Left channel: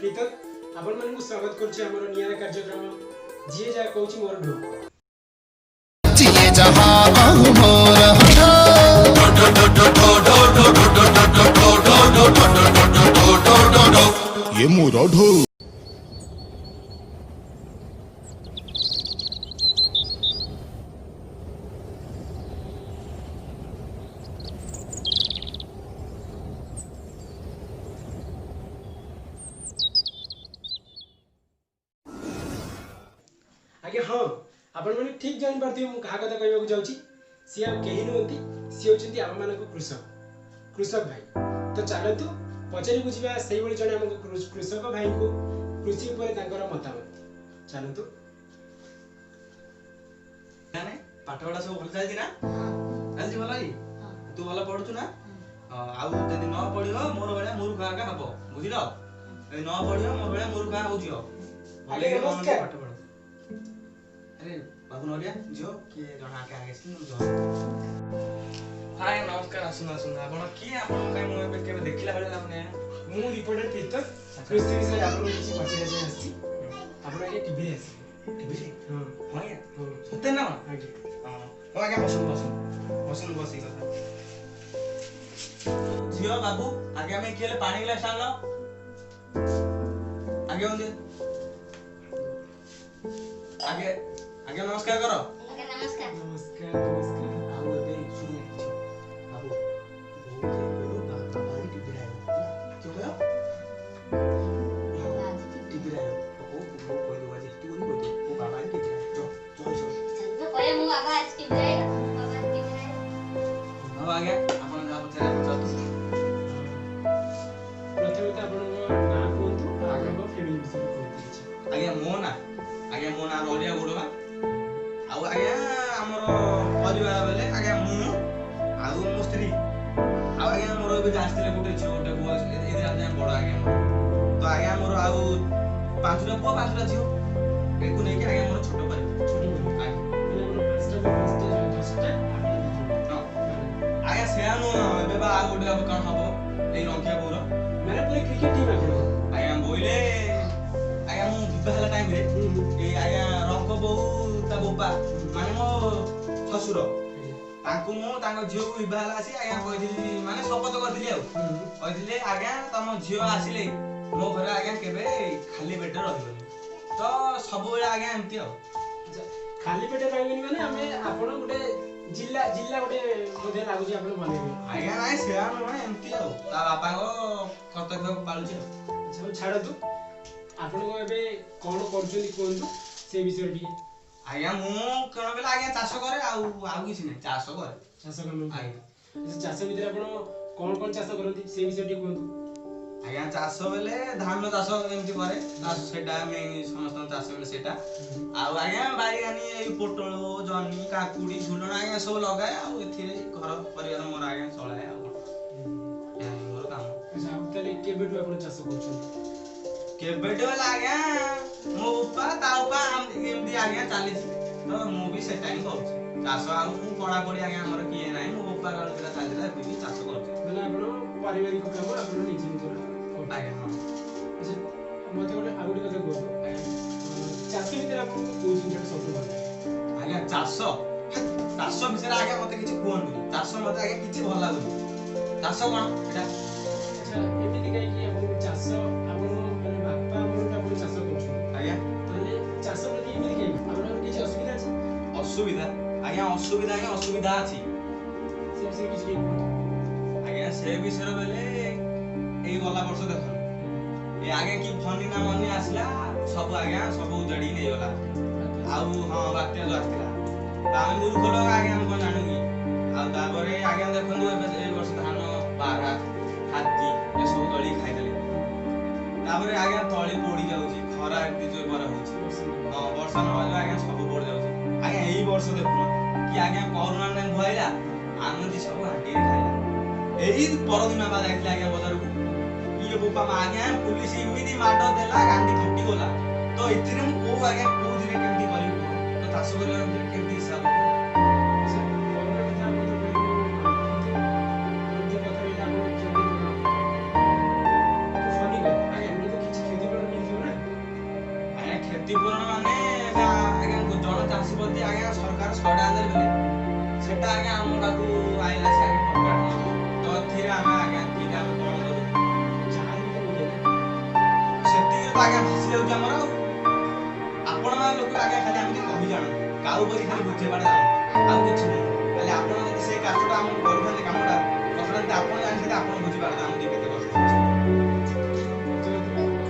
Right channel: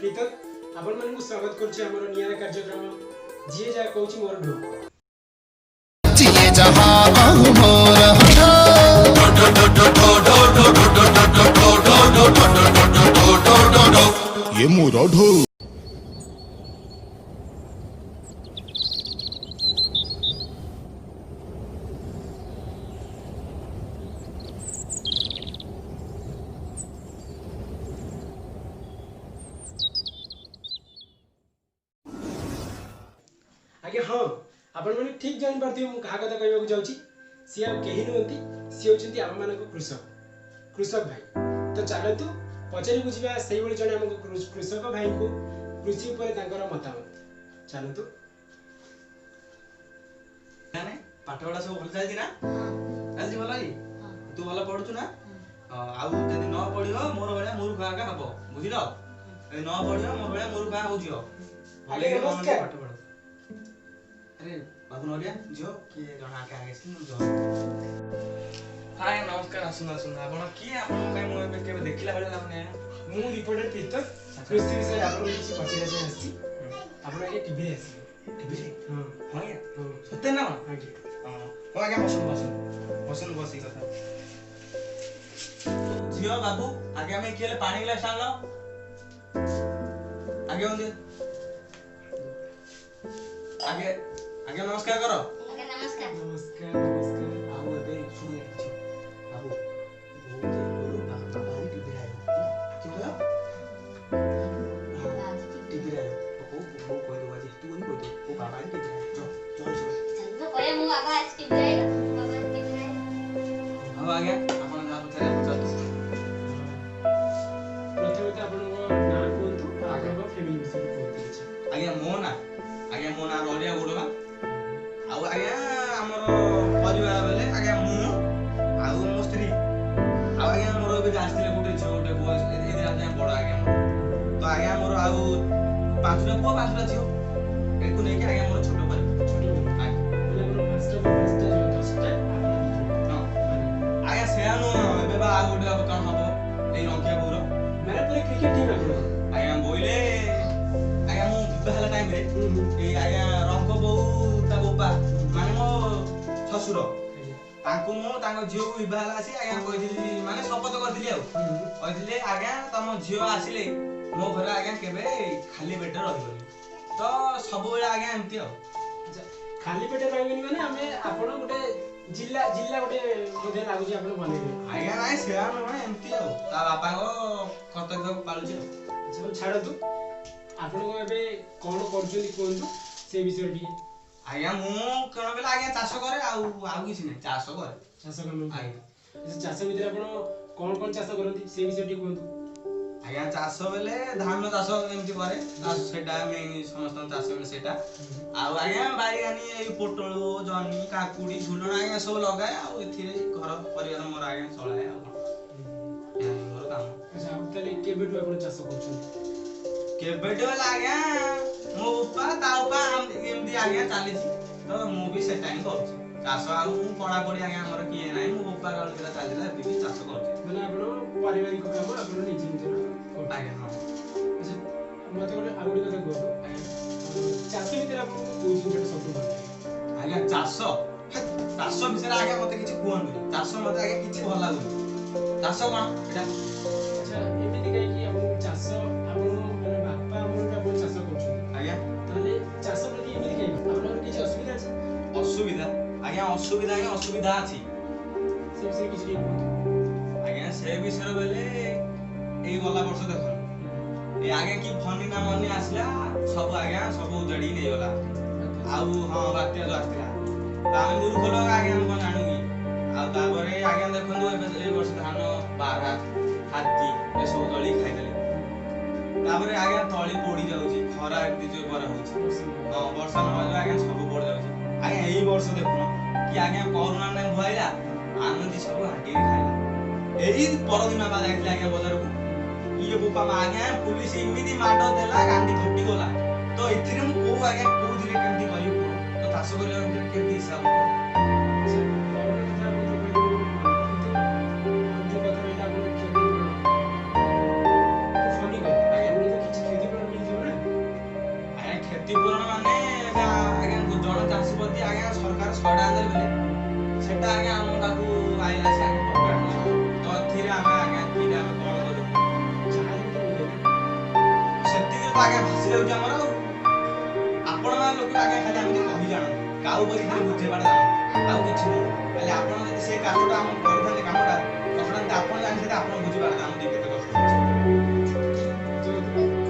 प्रीतक आपण मानकु स्वागत करछि हमर नियारा कार्यक्रम जिए जा कहूछि मोर ढो जिए जहां मोर ये मोर ढो। आगे हाँ आपण माने ठीक जानि पारथि मु कहा कथा कहबाक जाउछि सी आ केहि नहंती सी होचंती आम मानको कृषक भाई तो चलतु पचारि बुझिबा सेहि बळी जने हमको कृषक भाई को कृषि ऊपर तांकर मतामत चलतु नाने पाठ पढ़ा सब भल चलछि ना चलछि भल ही तू भल पढुछु ना आउ जदि न पढियो मोर भलिया मूर्ख आका हबो बुझिलो ए न पढियो मोर भलिया मूर्ख आ होजियो भले के मन पाठ पढ अरे बाबू नरिया जो के जणा आके आगे सिन जो हाय नमस्कार आसुन आपण की आपण काय मु एबे केबे देखिला भले हमने मु रिपोर्टर प्रीतक कृषि विषय आपण किछि पचारि जाय आछि आपण आगे टीवी रे आछि टीवी रे हां हां या हां सत्य ना आगे हां हो आगे बसन बसी कथा जियो बाबू आगे हमें केले पानी गिलास आन लो आगे होंदे आगे आगे नमस्कार करो आगे नमस्कार नमस्कार बाबू एबे सुन किछ बाबू बहुत जे बोलू बाबा री टीवी रे क्यों कहो टीवी रे ओ कोई दो आज तू नहीं कोई दो बाबा री टीवी रे चल चल तो कोया मु बाबा आज टीवी रे बाबा टीवी रे अब आगे आपण जा पछरे पछातु प्रथमे तो आपण ना कोंतु आगे फैमिली विषय कोंतु आगे मो ना रोलिया गुडवा आउ आगे हमर परिवार बेले आगे मु आउ मो स्त्री आउ आगे मोर बे आस्तिले गुटे छ गुटे बुआ एदि आगे बड़ आगे मोर तो आगे मोर आउ पांचटा पुआ पांचटा झियो एकु नै के आगे मोर छोटो परिवार छोटो आगे माने आपण पांचटा 10टा आपण आगे सेयानो एबे बा आ गुटे अब कोन हबो एई रंकिया बोरो माने पूरे क्रिकेट टीम आपण आगे बोइले आगे मु विवाह टाइम रे ए आगे रंको बौ ता बोपा माने मो ससुर तांको मो तांको झियो विवाह आसी आगे कहिदिली माने शपथ करदिली आ कहिदिले आगे तम झियो आसिले मो घर आगे केबे खाली पेट रहिबनी तो सब बेले आगे एमती आ खाली पेटे रहबेनी माने हमें आपण गुटे जिल्ला गुटे बोधे लागुची आपण बनेबे आगे नाइ सेया न माने एमती आ ता बापा को कर्तव्य पालुची अच्छा छाड़ तू आपण को एबे कोन करछुनी कोंतु से विषय टिके आज्ञा मु कोन बेला आज्ञा चाष करे आउ किछि नै चाष करे चाष करन आज्ञा इस चाष भीतर आपण कोन चाष करंती से विषय टिके कोंतु आज्ञा चाष बेले धान चाष एमति करे चाष सेटा मेन समस्त चाष बेले सेटा आउ आज्ञा बाई गानी ए पोटल जनी काकुडी झुलण आज्ञा सब लगाए आउ एथिरे घर परिवार मोर आज्ञा चलाए आउ या मोर काम अच्छा अब तले केबेटु आपण चाष करछुनी केबेटो आज्ञा मो उपा ता उपा एमति आज्ञा चाली तो मु भी सेटा ही करू चाष आउ मु पढ़ा पढ़ी आज्ञा हमर किए नाही मो उपा काल दिला चालीला भी चाष करछि माने आपण पारिवारिक काम आपण निजे निजे आज्ञा हां अच्छा मते गोटे आगुडी कथा कहतो चाष भीतर आपण कोन जिनटा सबसे भल लागे आज्ञा चाष विषय आज्ञा मते किछि कुहंतुनी चाष मते आज्ञा किछि भल लागुनी चाष कोन एटा अच्छा एमिति काई कि आपण चाष आपण माने बापा आपण आपण चाष करछुनी आज्ञा ताले चाष प्रति एमिति काई आपण किछि असुविधा अछि असुविधा आज्ञा असुविधा अछि से विषय किछि के कहतो आज्ञा से विषय बेले एई गला वर्ष देखन ए आगे की फनी ना मनी आसला सब आज्ञा सब उजड़ी नै गला आउ हां बात्या जो आस्तिला तामे मूर्ख लोग आज्ञा हम कोन जानू की आउ तापरे आज्ञा देखन ए वर्ष धान बारा हाथी ए सब तळी खाइदले तापरे आज्ञा तळी पोडी जाउची खरा एति जो बर होची हां वर्षा न हो आज्ञा सब पड़ जाउची आज्ञा एई वर्ष देखुन कि आज्ञा कोरोना ने भइला आनंदी सब हाटी रे खाइला एई परदिन बाद आइला आज्ञा बाजार को ये बुपा आज्ञा पुलिस इमिदी माडो देला गांडी फाटी गला तो एथिरे मु को आज्ञा को दिने केमती करी को तो चाष करे केमती हिसाब हो अच्छा कोरोना कथा आपण जो कहली किंतु हम जो कथा रहिला आपण क्षति पूर्ण तो फनी कर आगे हम तो किछि क्षति କ୍ଷତିପୂରଣ ମାନେ ଏବେ ଆଜ୍ଞା ଜଣେ ଚାଷୀ ପ୍ରତି ଆଜ୍ଞା ସରକାର 100 ଟଙ୍କା ଦେଲେ ବେଲେ ସେଟା ଆଜ୍ଞା ଆମ ପାଖକୁ ଆଇଲା ସେ ଆଜ୍ଞା ଟଙ୍କା ତ ଏଥିରେ ଆମେ ଆଜ୍ଞା ଏଥିରେ ଆମେ କଣ କରୁ ଯାହା ଯେମିତି ମିଳେ ନା ସେତିକି ତ ଆଜ୍ଞା ଭାସି ଯାଉଛି ଆମର ଆଉ ଆପଣ ମାନେ ଲୋକ ଆଜ୍ଞା ଖାଲି ଏମିତି କହି ଜାଣନ୍ତି କାଉ ପରି ଖାଲି ବୁଝେଇବାଟା ଜାଣନ୍ତି ଆଉ କିଛି ନୁହଁ ଖାଲି ଆପଣ ଯଦି ସେଇ କାଷ୍ଟଟା ଆମ କରିଥାନ୍ତେ କାମଟା କଷ୍ଟଟା ଆପଣ ଜାଣିଥାନ୍ତେ ଆପଣ ବୁଝିପାରିଥାନ୍ତେ ଆମକୁ କେତେ କଷ୍ଟ ହଉଛି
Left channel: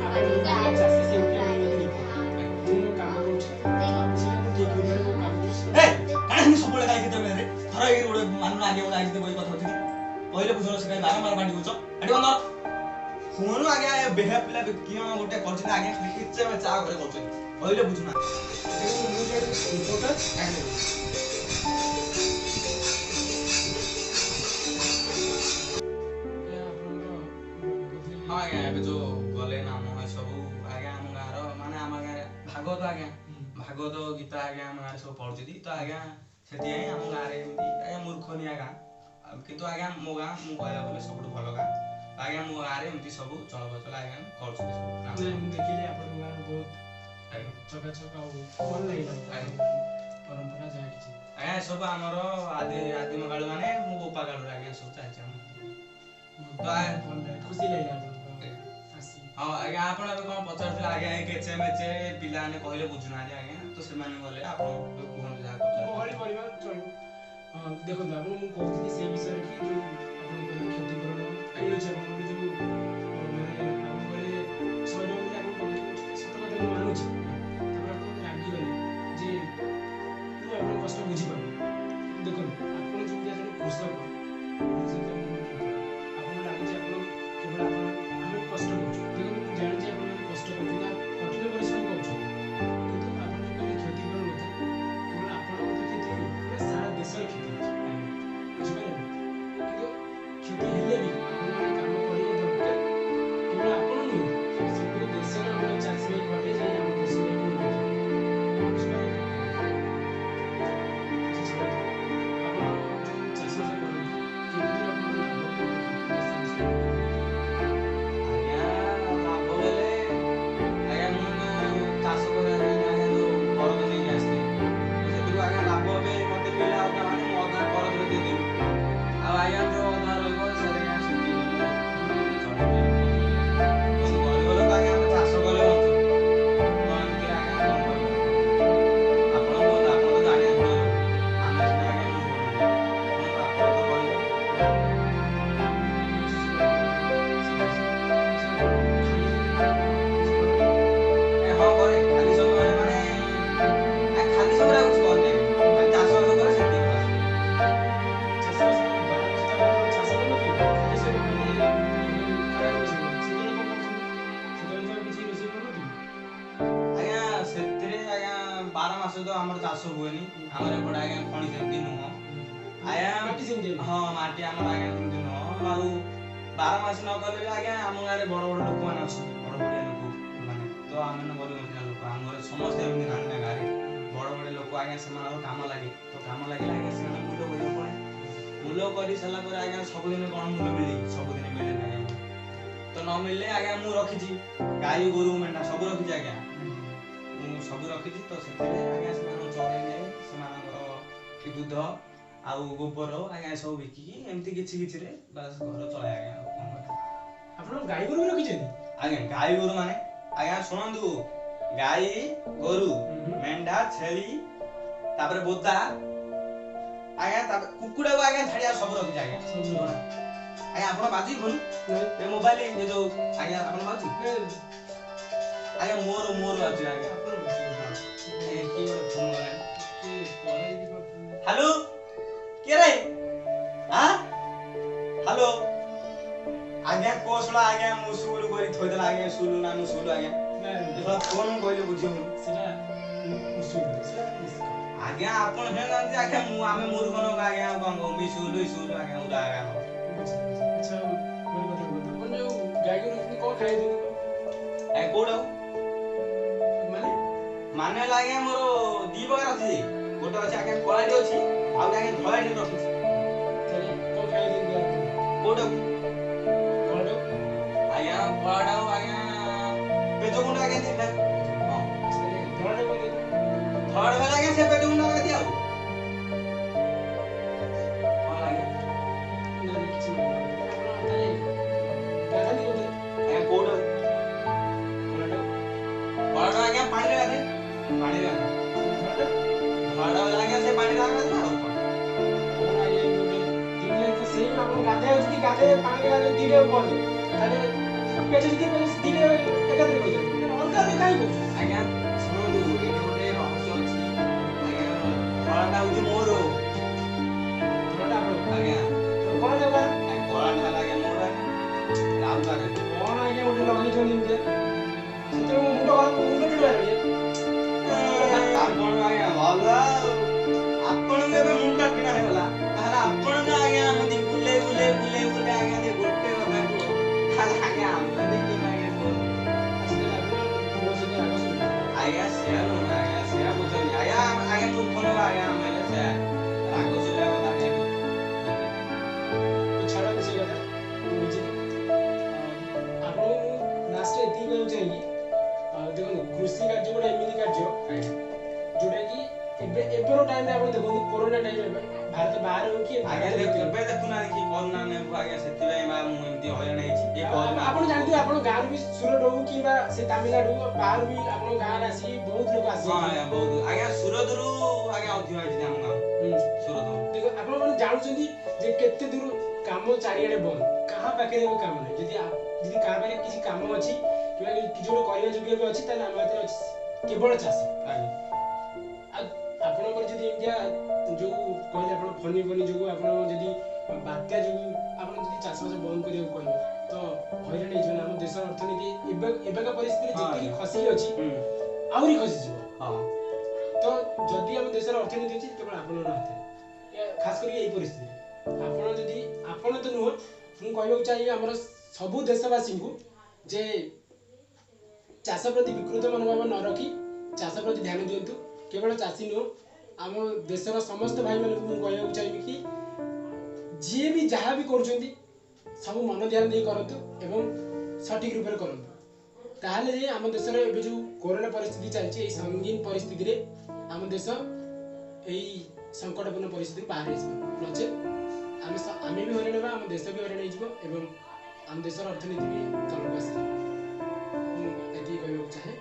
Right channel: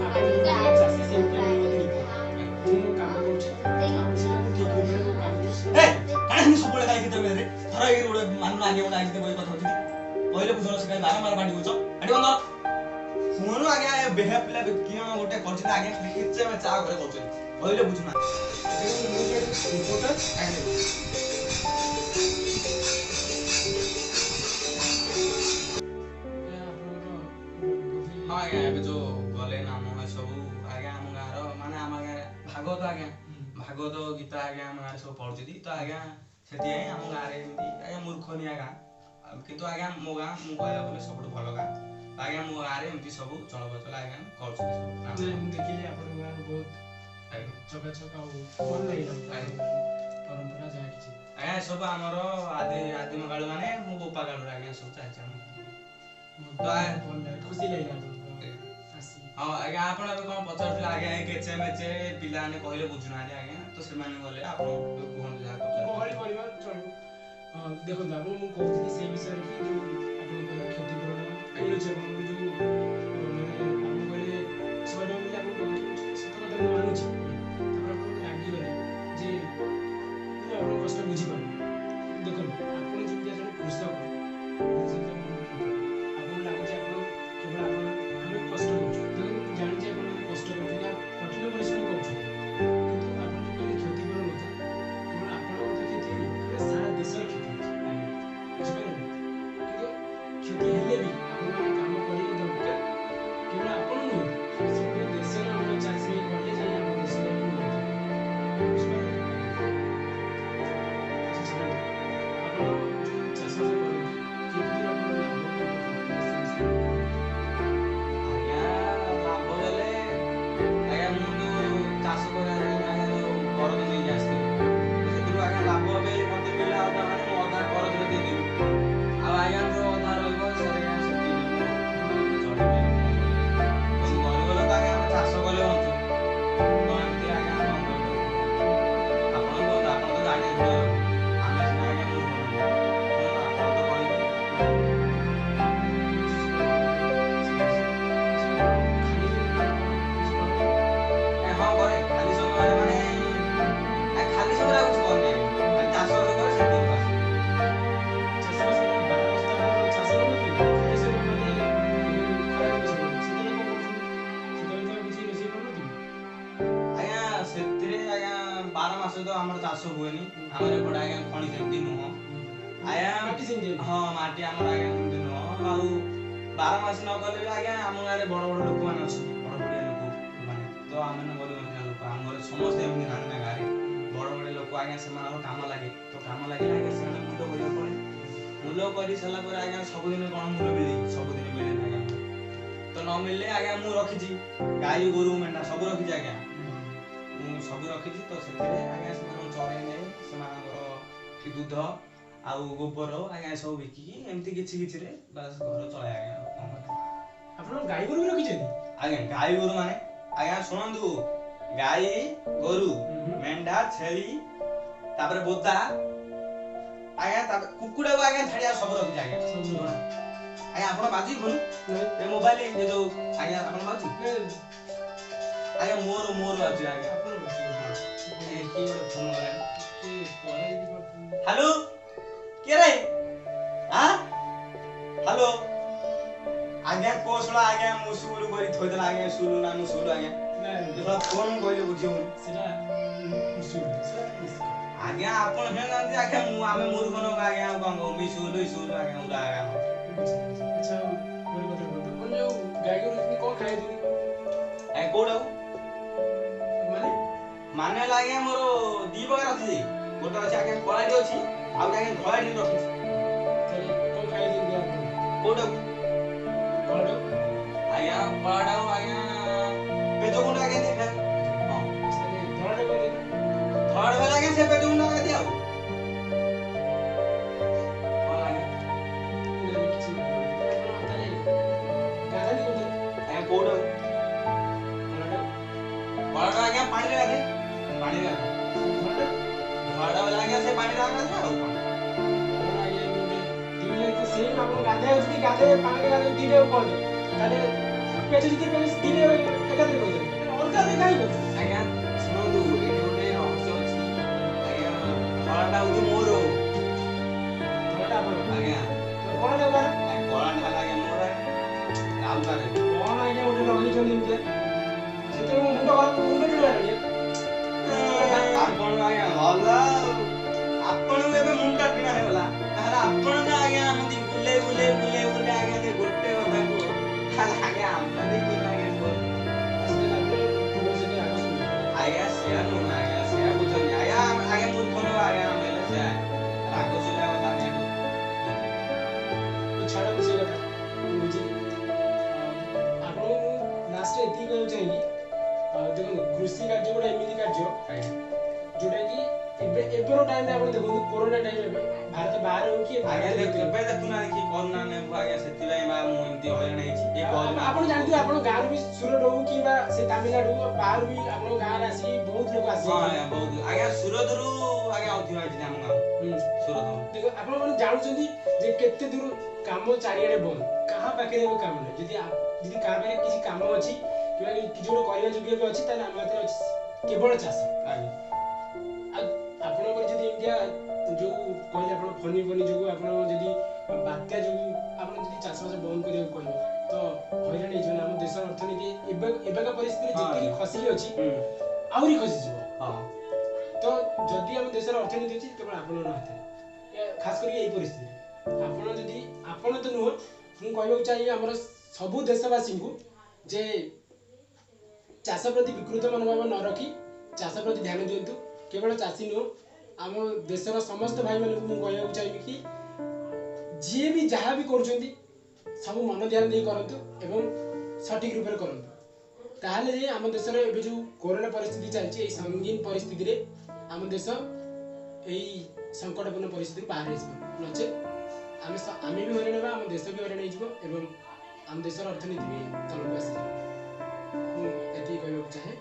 ଆପଣ ଜଣେ ଚାଷୀ ସେମିତି ମତେ ନିପୁଣ ମୁଁ ମୋ କାମ କରୁଛି ଆଉ ସେଟା ମୁଁ ଠିକ ରୂପରେ ମୋ କାମ କରୁଛି ଏ କାହିଁ ସବୁବେଳେ କାହିଁ କେତେ ବେଳେ ଥର ଏଇ ଗୋଟେ ମାନୁ ଆଗେ ଗୋଟେ ଆଜି ବହି କଥା ହଉଛି କହିଲେ ବୁଝୁନ ସେ କାହିଁ ବାରମ୍ବାର ବାଣ୍ଟି ବୁଝ ଏଠି ବନ୍ଦ ହୁଅନୁ ଆଜ୍ଞା ବେହା ପିଲା କିଏ ଗୋଟେ କରୁଛନ୍ତି ଆଜ୍ଞା ଖାଲି କେତେ ବେଳେ ଚା ଘରେ କରୁଛନ୍ତି କହିଲେ ବୁଝୁନା ମୁଁ ଜଣେ ରିପୋର୍ଟର କାହିଁ ଆପଣଙ୍କର ହଁ ଆଜ୍ଞା ଏବେ ଯୋଉ ଗଲେ ନାମ ସବୁ ଆଜ୍ଞା ଆମ ଗାଁର ମାନେ ଆମ ଗାଁରେ ଭାଗବତ ଆଜ୍ଞା ଭାଗବତ ଗୀତା ଆଜ୍ଞା ଆମ ଗାଁରେ ସବୁ ପଢୁଛନ୍ତି ତ ଆଜ୍ଞା ସେଥିପାଇଁ ଆମ ଗାଁରେ ଏମିତି ଆଜ୍ଞା ମୂର୍ଖନିଆ ଗାଁ କିନ୍ତୁ ଆଜ୍ଞା ମୋ ଗାଁ ମୁଁ କହିବାକୁ ଗଲେ ସବୁଠୁ ଭଲ ଗାଁ ଆଜ୍ଞା ମୋ ଗାଁରେ ଏମିତି ସବୁ ଚଳପ୍ରଚଳ ଆଜ୍ଞା କରୁଛନ୍ତି ସବୁ ନାଇଁ ମୁଁ ଦେଖିଲି ଆପଣଙ୍କ ଗାଁରେ ବହୁତ ଆଜ୍ଞା ଚକାଚକ ଆଉ ଭଲ ଲାଗିଲା ମତେ ଆପଣଙ୍କ ପରମ୍ପରା ଯାହା କିଛି ଆଜ୍ଞା ସବୁ ଆମର ଆଦିମ କାଳୁ ମାନେ ମୋ ବୋପା କାଳୁରୁ ଆଜ୍ଞା ସବୁ ଚାଲିଛି ଆମ ବହୁତ ଭଲ ଲାଗେ ଖୁସି ଲାଗିଲା ଆପଣଙ୍କର ଆସି ହଁ ଆଜ୍ଞା ଆପଣ ଏବେ କଣ ପଚାରୁଥିଲେ ଆଜ୍ଞା ଏ କେଚେ ମେଚେ ପିଲାମାନେ କହିଲେ ବୁଝୁନାହାନ୍ତି ଆଜ୍ଞା ତ ସେମାନେ ଗଲେ ଆପଣ କୁହନ୍ତୁ ଯାହା ଗହଳି କଥା ପରିବାର ଚଳିବ ଦେଖନ୍ତୁ ଆପଣ ମୁଁ କହୁଥିଲି ସେଇ ବିଷୟରେ କି ଯୋଉ ଆପଣ କହିଲେ କ୍ଷତିପୂରଣ ମିଳୁଛି ଆପଣଙ୍କର ଯୋଉ ମାନେ ଆପଣ କହିଲେ 100 ଟଙ୍କା ମିଳିଲେ ଆପଣ ଟଙ୍କା କହୁଛନ୍ତି ସତ କଥା ମୁଁ ମାନୁଛି ତାପରେ ଆପଣ ମତେ ରାଗିଗଲେ ଯେ ମୁଁ ଆପଣଙ୍କ କଷ୍ଟ ବୁଝିପାରୁନି ଦେଖନ୍ତୁ ଆପଣ ଯେମିତି ଜଣେ କୃଷକ ମୁଁ ସେମିତି ଆପଣଙ୍କ କୃଷକ ଆପଣଙ୍କୁ ଲାଗୁଛି ଆପଣ କେବଳ ଆପଣ ଆମେ କଷ୍ଟ କରୁଛୁ ଦେଖନ୍ତୁ ମୁଁ ଜାଣିଛି ଆପଣମାନେ କଷ୍ଟ କରୁଛନ୍ତି ଆଉ କଠିନ ପରିଶ୍ରମ କରୁଛନ୍ତି କିନ୍ତୁ ଆପଣ ଯୋଉ କହିଲେ କ୍ଷତିପୂରଣ କଥା କେବଳ ଆପଣଙ୍କର ତ କ୍ଷତି ହେଇନି ପୁରା ସାରା ଦେଶର କ୍ଷତି ହେଇଛି ବୁଝିପାରିଲେ ନା କିନ୍ତୁ କ୍ଷତି ହେଲେ ବି ଆପଣମାନେ କାମ କରିବା ଦରକାର କେବଳ ଆପଣ ନୁହନ୍ତି ସବୁ ଦେଶର ଆମର ଚାଷୀ ଭାଇ କଲେ ଯାଇ ଆମ ଦେଶ ଯାଇକି ଉନ୍ନତି ହେବ ବୁଝିପାରିଲେ ଆଚ୍ଛା ଛାଡ଼ନ୍ତୁ ଆପଣ ଯୋଉ ଚାଷବାସ କରନ୍ତି କେତେ ଦୂର ଆପଣ ଲାଭ କେବେ କ୍ଷତି ହୁଏ ସେ ବିଷୟରେ ଆଜ୍ଞା ଲାଭ ବେଲେ ଆଜ୍ଞା ମୁଁ ଯୋଉ ଚାଷ କରିବା ପାଇଁ ଆଜ୍ଞା ଯୋଉ କରଜ ନେଇକି ଆସିଥିଲି ତ ସେଥିରୁ ଆଜ୍ଞା ଲାଭ ଏବେ ମତେ ମିଳିଲା ଅଧା ମାନେ ମୁଁ ଅଧା କରଜରେ ଦେଇଦେବି ଆଉ ଆଜ୍ଞା ଯୋଉ ଅଧା ରହିବ ସେଟା ଆଜ୍ଞା ସେତିକି ମୁଁ ଚଳେଇବି ଆଉ କଣ କରିବା ଗରିବ ଲୋକ ଆଜ୍ଞା ଆମେ ଚାଷ କଲେ ବଞ୍ଚୁ ତ ଏମିତି ଆଜ୍ଞା କଣ କରିବୁ ଆପଣ କୁହନ୍ତୁ ଆପଣ ତ ଜାଣିଛନ୍ତି ଆମେ ସିନା ଆଜ୍ଞା ମୂର୍ଖ ନୁହଁ କୁହନ୍ତୁ ଆପଣ ତ କହିବେ ହଁ କରେ ଖାଲି ସମୟରେ ମାନେ ଖାଲି ସମୟରେ ଆଉ କିଛି କରୁନି ଆଜ୍ଞା ଖାଲି ଚାଷବାସ କରେ ସେତିକି ବାସ୍ ଆଜ୍ଞା ସେଥିରେ ଆଜ୍ଞା 12 ମାସ ତ ଆମର ଚାଷ ହୁଏନି ଆମର ଏପଟେ ଆଜ୍ଞା ଖଣି ସେମିତି ନୁହଁ ଆଜ୍ଞା ହଁ ମାଟି ଆମର ଆଜ୍ଞା ସେମିତି ନୁହଁ ଆଉ 12 ମାସ ନ କଲେ ବି ଆଜ୍ଞା ଆମ ଗାଁରେ ବଡ ବଡ ଲୋକମାନେ ଅଛନ୍ତି ବଡ ବଡିଆ ଲୋକ ମାନେ ତ ଆମେ ଗରିବ ଲୋକ ଆମ ଘରେ ସମସ୍ତେ ଏମିତି ନାହାନ୍ତି ନା ଗାଁରେ ବଡ ବଡ ଲୋକ ଆଜ୍ଞା ସେମାନଙ୍କର କାମ ଲାଗେ ତ କାମ ଲାଗିଲେ ଆଜ୍ଞା ସେମାନେ ମୂଲ୍ୟ କରିବାକୁ ପଡେ ମୂଲ୍ୟ କରି ସାରିଲା ପରେ ଆଜ୍ଞା ସବୁଦିନ କଣ ମୂଲ୍ୟ ମିଳେ ସବୁଦିନ ମିଳେନି ଆଜ୍ଞା ତ ନ ମିଳିଲେ ଆଜ୍ଞା ମୁଁ ରଖିଛି ଗାଈ ଗୋରୁ ମେଣ୍ଢା ସବୁ ରଖିଛି ଆଜ୍ଞା ମୁଁ ସବୁ ରଖିଛି ତ ସେଥିରେ ଆଜ୍ଞା ସେମାନଙ୍କୁ ଚରେଇ ନେଇ ସେମାନଙ୍କର କି ଦୁଧ ଆଉ ଗୋବର ଆଜ୍ଞା ସବୁ ବିକିକି ଏମିତି କିଛି କିଛିରେ ବାସ୍ ଘର ଚଳାଏ ଆଜ୍ଞା ଆଉ କଣ କରିବା ଆପଣ ଗାଈ ଗୋରୁ ବି ରଖିଛନ୍ତି ଆଜ୍ଞା ଗାଈ ଗୋରୁ ମାନେ ଆଜ୍ଞା ଶୁଣନ୍ତୁ ଗାଈ ଗୋରୁ ମେଣ୍ଢା ଛେଳି ତାପରେ ବୋଦା ଆଜ୍ଞା ତାପରେ କୁକୁଡ଼ାକୁ ଆଜ୍ଞା ଛାଡିଆ ସବୁ ରଖିଛି ଆଜ୍ଞା ଆଜ୍ଞା ଆପଣ ବାଜି ଭଲ ଏ ମୋବାଇଲ ଏ ଯୋଉ ଆଜ୍ଞା ଆପଣ ବାଜି ଆଜ୍ଞା ମୋର ବାଜି ଆଜ୍ଞା ଆଜ୍ଞା କିଏ ଗୋଟେ ଫୋନ କଲାଣି ହ୍ୟାଲୋ କିଏ ରେ ଆଁ ହ୍ୟାଲୋ ଆଜ୍ଞା କୋଶଳା ଆଜ୍ଞା ମୁଁ ସୁଲୁ କରି ଥୋଇଦେଲା ଆଜ୍ଞା ସୁଲୁ ନା ମୁଁ ସୁଲୁ ଆଜ୍ଞା ଫୋନ କହିଲେ ବୁଝିବୁନି ଆଜ୍ଞା ଆପଣ ଜାଣିନାହାନ୍ତି ଆଜ୍ଞା ଆମେ ମୂର୍ଖ ନୋକ ଆଜ୍ଞା ଆଉ କଣ କହୁ ମିସୁଲୁ ଆଜ୍ଞା ଉଡ଼ା ଆଜ୍ଞା ଆଚ୍ଛା ଗୋଟେ କଥା କୁହନ୍ତୁ ଆପଣ ଯୋଉ ଗାଈ ଗୋରୁ ରଖିଛନ୍ତି କଣ ଖାଇଛନ୍ତି ଆଜ୍ଞା କୋଉଟାକୁ ମାନେ ହେଲା ଆଜ୍ଞା ମୋର ଦି ପ୍ରକାର ଅଛି ଗୋଟେ ଅଛି ଆଜ୍ଞା କଳାଟି ଅଛି ଆଉ ଗୋଟେ ଆଜ୍ଞା ଧଳାଟି ରଖିଛି ତାହେଲେ କଣ ଖାଇଛନ୍ତି କୋଉଟାକୁ କଳାଟାକୁ ଆଜ୍ଞା କଳାଟାକୁ ଆଜ୍ଞା ପେଜ ଗୁଣ୍ଡ ଆଜ୍ଞା ଦେଇ ଖାଏ ହଁ ତାହେଲେ ଧଳାଟା କଣ ଦେବି? ଧଡ଼ ବେଲା ଆଜ୍ଞା ସେ ପେଟ ମୁଣ୍ଡ ଗାଦି ଆଉ କଣ ଲାଗେ ନା, ନା, କିଛି ନାହିଁ। ଆପଣ ତାହେଲେ ଗାଧାନ୍ତି କୋଉଥିରେ? ଆଜ୍ଞା କୋଉଟା କଳାଟାକୁ? କଳାଟା ଆଜ୍ଞା ପାଣିରେ ଗାଧେ ପାଣିରେ ଗାଧେ ଧଳାଟା? ଧଳାଟା ବେଲା ଆଜ୍ଞା ସେ ପାଣିରେ ଗାଧେ ଆଉ କଣ କଣ ଆଜ୍ଞା ଗୋଟେ ଦିଟା ତ ସେଇ ଆପଣ ଗାଧେଇବାକୁ ଯଦି ଗାଧେଇବେ ପାଣିରେ ଗାଧେଇବେ ଦିଟାକୁ କୁହନ୍ତି। ତାହେଲେ ପେଟ ଯଦି ପେଟ ଦିଟା ଏକାଥରେ କହିଥାନ୍ତି। ଅଲଗା ଅଲଗା କାହିଁ କହୁଛୁ? ଆଜ୍ଞା ଶୁଣନ୍ତୁ ଏଠି ଗୋଟେ ରହସ୍ୟ ଅଛି ଆଜ୍ଞା କଳାଟା ହଉଛି ମୋର ଧଳାଟା ଆପଣଙ୍କ। ଆଜ୍ଞା ତ କଳାଟା କାହାର? କଳାଟା ହେଲା ଆଜ୍ଞା ମୋର ଆଜ୍ଞା ଆଉ କାରେ କଣ ଆଜ୍ଞା ଗୋଟେ ଲଗେଇଛନ୍ତି ଏମିତିଆ? ସେତେବେଳେ ମୋ ମୁଣ୍ଡ ଟିଣାଲାଣି। ଆପଣ ଆଜ୍ଞା ଭଲ ଆଉ ଆପଣଙ୍କୁ ଏବେ ମୁଣ୍ଡ କିଣା ହେଇଗଲା ତାହେଲେ ଆପଣ ଯେ ଆଜ୍ଞା ଆମଦି ବୁଲେଇ ଆଜ୍ଞା ସେ ଗୋଟେ କଥା କୁହ ତାହେଲେ ଆଜ୍ଞା ଆମଦି କିନା ଆଜ୍ଞା କୁହ ଆସିଲେ ଲାଗିବ ମୋ ସହିତ ଆଗ ଶୁଣିବ। ଆଜ୍ଞା ସେୟା ନୁହଁ ଆଜ୍ଞା ସେୟା ବୁଝନି ଆଜ୍ଞା ମୂର୍ଖ ନବ ଆଜ୍ଞା ଆମେ ହେଲେ ସେୟା ରାଗ ସୁଲା କଥା ଆଜ୍ଞା ଏଠୁ ଛାଡ଼ନ୍ତୁ ସେ କଥା ମୁଁ ବୁଝିଲି। ଆପଣଙ୍କୁ ମୁଁ ଲାଷ୍ଟରେ ଏତିକି କହିବାକୁ ଚାହିଁବି, ଦେଖନ୍ତୁ କୃଷି କାର୍ଯ୍ୟ ଗୋଟେ ଏମିତି କାର୍ଯ୍ୟ ଆଜ୍ଞା ଯୋଉଟା କି ଏବେର ଟାଇମରେ ଆପଣ ଦେଖନ୍ତୁ କୋରୋନା ଟାଇମ ଏବେ ଭାରତ ବାହାରେ ହଉ କି ଆଜ୍ଞା ଭାରତ ଭିତରେ ଏବେ ଦେଖୁନାହାନ୍ତି କି କରୁନା ନେବୁ ଆଜ୍ଞା ସେଥିପାଇଁ ବା ମୁଁ ଏମିତି ହଇରାଣ ହେଇଛି ଏ କରୁନା ଆପଣ ଜାଣିଥିବେ ଆପଣ ଗାଁରୁ ବି ସୁରଟ ହଉ କିମ୍ବା ସେ ତାମିଲନାଡୁ ବାହାରୁ ବି ଆପଣଙ୍କ ଗାଁରେ ଆସିକି ବହୁତ ଲୋକ ହଁ ଆସିଛନ୍ତି। ଆଜ୍ଞା ବହୁତ ଆଜ୍ଞା ସୁରତରୁ ଆଜ୍ଞା ଅଧିକ ହେଇଛି ଆମ ଗାଁ ସୁରତ ଦେଖ ଆପଣ ମାନେ ଜାଣୁଛନ୍ତି ଯେ କେତେ ଦୂର କାମ ଚାରିଆଡେ ବନ୍ଦ, କାହା ପାଖରେ ଏବେ କାମ ନାହିଁ। ଯଦି କାହା ପାଖରେ କିଛି କାମ ଅଛି କିମ୍ବା କିଛି ଗୋଟେ କରିବା ଯୋଗ୍ୟ ବି ଅଛି ତାହେଲେ ଆମ ହାତରେ ଅଛି କେବଳ ଚାଷ। ଆଜ୍ଞା ଆଉ ଆପଣଙ୍କର ଯଦି ଏମିତିଆ ଯୋଉ କହିଲେ ଆପଣ ଫନି ଯୋଗୁ ଆପଣ ଯଦି ବାତ୍ୟା ଯୋଗୁ ଆପଣ ଯଦି ଚାଷବାସ ବନ୍ଦ କରିବାକୁ କହିବେ ତ ହଇରାଣ ହେଇଯିବ ନା। ଆମ ଦେଶର ଅର୍ଥନୀତି ଏବେକା ପରିସ୍ଥିତିରେ ହଁ ଯେତିକି ଆଜ୍ଞା। ଖସିକି ଅଛି ହୁଁ ଆହୁରି ଖସିଯିବ। ହଁ ତ ଯଦି ଆମ ଦେଶର ଅର୍ଥନୀତି ଅଛି କେବଳ ଆପଣଙ୍କ ହାତରେ, ଖାସ କରିକି ଏଇ ପରିସ୍ଥିତିରେ ଆପଣ ତ ନୁହଁ, ମୁଁ କହିବାକୁ ଚାହିଁବି ଆମର ସବୁ ଦେଶବାସୀଙ୍କୁ ଯେ ଚାଷ ପ୍ରତି ବିକୃତ ମନୋଭାବ ନ ରଖି ଚାଷ ପ୍ରତି ଧ୍ୟାନ ଦିଅନ୍ତୁ। କେବଳ ଚାଷୀ ନୁହଁ, ଆମ ଦେଶର ସମସ୍ତ ଭାଇମାନଙ୍କୁ ମୁଁ କହିବାକୁ ଚାହିଁବି କି ଯିଏ ବି ଯାହା ବି କରୁଛନ୍ତି ସବୁ ମନ ଧ୍ୟାନ ଦେଇ କରନ୍ତୁ ଏବଂ ସଠିକ ରୂପରେ କରନ୍ତୁ। ତାହେଲେ ଯାଇ ଆମ ଦେଶରେ ଏବେ ଯୋଉ କରୋନା ପରିସ୍ଥିତି ଚାଲିଛି ଏଇ ସଙ୍ଗୀନ ପରିସ୍ଥିତିରେ ଆମ ଦେଶ ଏଇ ସଙ୍କଟପୂର୍ଣ୍ଣ ପରିସ୍ଥିତିରୁ ବାହାରି ଆସିବ। ନଚେତ୍ ଆମେ ବି ହଇରାଣ ହେବା, ଆମ ଦେଶ ବି ହଇରାଣ ହେଇଯିବ ଏବଂ ଆମ ଦେଶର ଅର୍ଥନୀତି ବି ତଳକୁ ଆସିଯିବ। ମୁଁ ଏତିକି କହିବାକୁ ଚାହେଁ।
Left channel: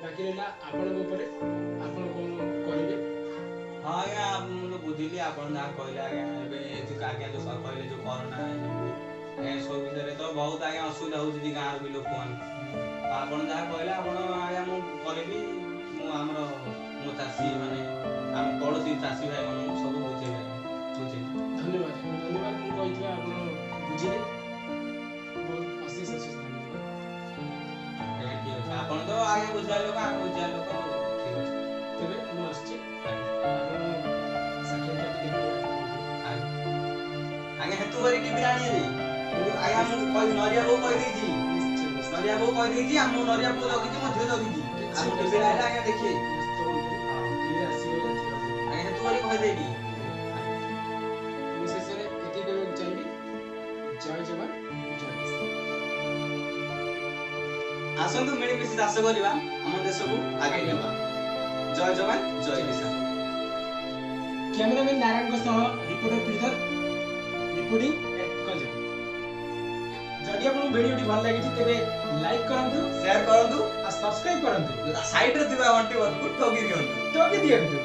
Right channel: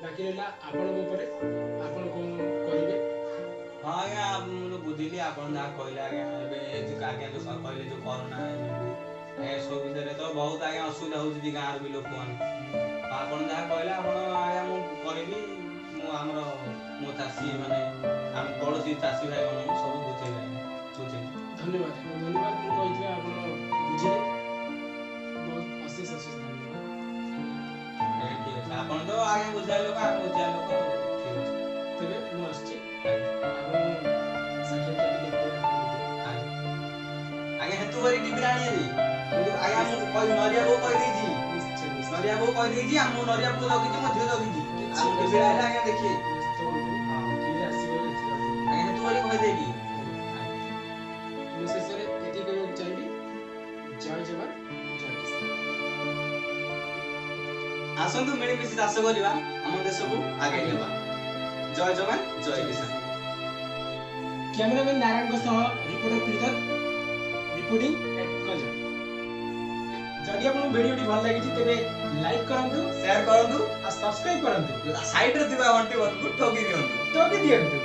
ବାକି ରହିଲା ଆପଣଙ୍କ ଉପରେ, ଆପଣ କଣ କହିବେ? ହଁ ଆଜ୍ଞା ମୁଁ ତ ବୁଝିଲି ଆପଣ ଯାହା କହିଲେ ଆଜ୍ଞା ଏବେ ଆଜ୍ଞା ଯୋଉ କହିଲେ ଯୋଉ କରୋନା ଯୋଗୁ ଆଜ୍ଞା ସବୁ ବିଷୟରେ ତ ବହୁତ ଆଜ୍ଞା ଅସୁବିଧା ହଉଛି ଗାଁର ବି ଲୋକମାନେ ଆପଣ ଯାହା କହିଲେ ଆପଣ ଆଜ୍ଞା ମୁଁ କହିବି ମୁଁ ଆମର ମୋ ଚାଷୀ ମାନେ ଆମ ପଡ଼ୋଶୀ ଚାଷୀ ଭାଇ ମାନଙ୍କୁ ସବୁ ବୁଝେଇବି ଆଜ୍ଞା ବୁଝେଇବି। ଧନ୍ୟବାଦ ମୁଁ କହିଥିବା ଆପଣ ବୁଝିଲେ, ବହୁତ ଅଶେଷ ଧନ୍ୟବାଦ। ଆଜ୍ଞା ଠିକ ଅଛି ଆପଣ ତ ଆଜ୍ଞା ବୁଝିବା ଲୋକ ଆମେ ବୁଝିବା ଲୋକ ଆଉ ଠିକ ଅଛି। ତେବେ ମୁଁ ଆସୁଛି, ଆଜ୍ଞା ଆପଣ ସାକ୍ଷାତ ଦେଖିବେ ଆଜ୍ଞା ହେତୁ କରି ଟିଭିରେ ଆଣିବି କିନ୍ତୁ ଆଜ୍ଞା ମୁଁ ନରିଆ ବୋଉ କହିଦେଇଛି ନିଶ୍ଚୟ ନରିଆ ବୋଉ କହିଦେଇଛି ଆଉ ମୁଁ ନରିଆ ବୋଉ ଜଗିଛି ମୋ ଝିଅ ଜଗିଛି ଆଉ ମୁଁ ଟିଭିରେ ଆଇଲେ ଆଜ୍ଞା ଦେଖିବେ ଆଜ୍ଞା ହେତୁ କରି କହିଦେବି। ମୁଁ ଶେଷରେ ଏତିକି କହିବାକୁ ଚାହିଁବି, ଜୟ ଯବାନ ଜୟ କିଷାନ। ଆସନ୍ତୁ ମିଳିମିଶି ଚାଷ କରିବା ଆମ ଦେଶକୁ ଆଗେଇ ନେବା। ଜୟ ଯବାନ ଜୟ କିଷାନ। କ୍ୟାମେରାମ୍ୟାନ ନାରାୟଣଙ୍କ ସହ reporter Pritam reporting at Ganjam. ଯଦି ଆପଣଙ୍କୁ ଭିଡ଼ିଓଟି ଭଲ ଲାଗିଛି ତେବେ ଲାଇକ୍ କରନ୍ତୁ, ସେୟାର କରନ୍ତୁ ଆଉ ସବସ୍କ୍ରାଇବ କରନ୍ତୁ, ସାଇଡରେ ଥିବା ଘଣ୍ଟି ବଟନକୁ ଠକି ଦିଅନ୍ତୁ। ଟକି ଦିଅନ୍ତୁ।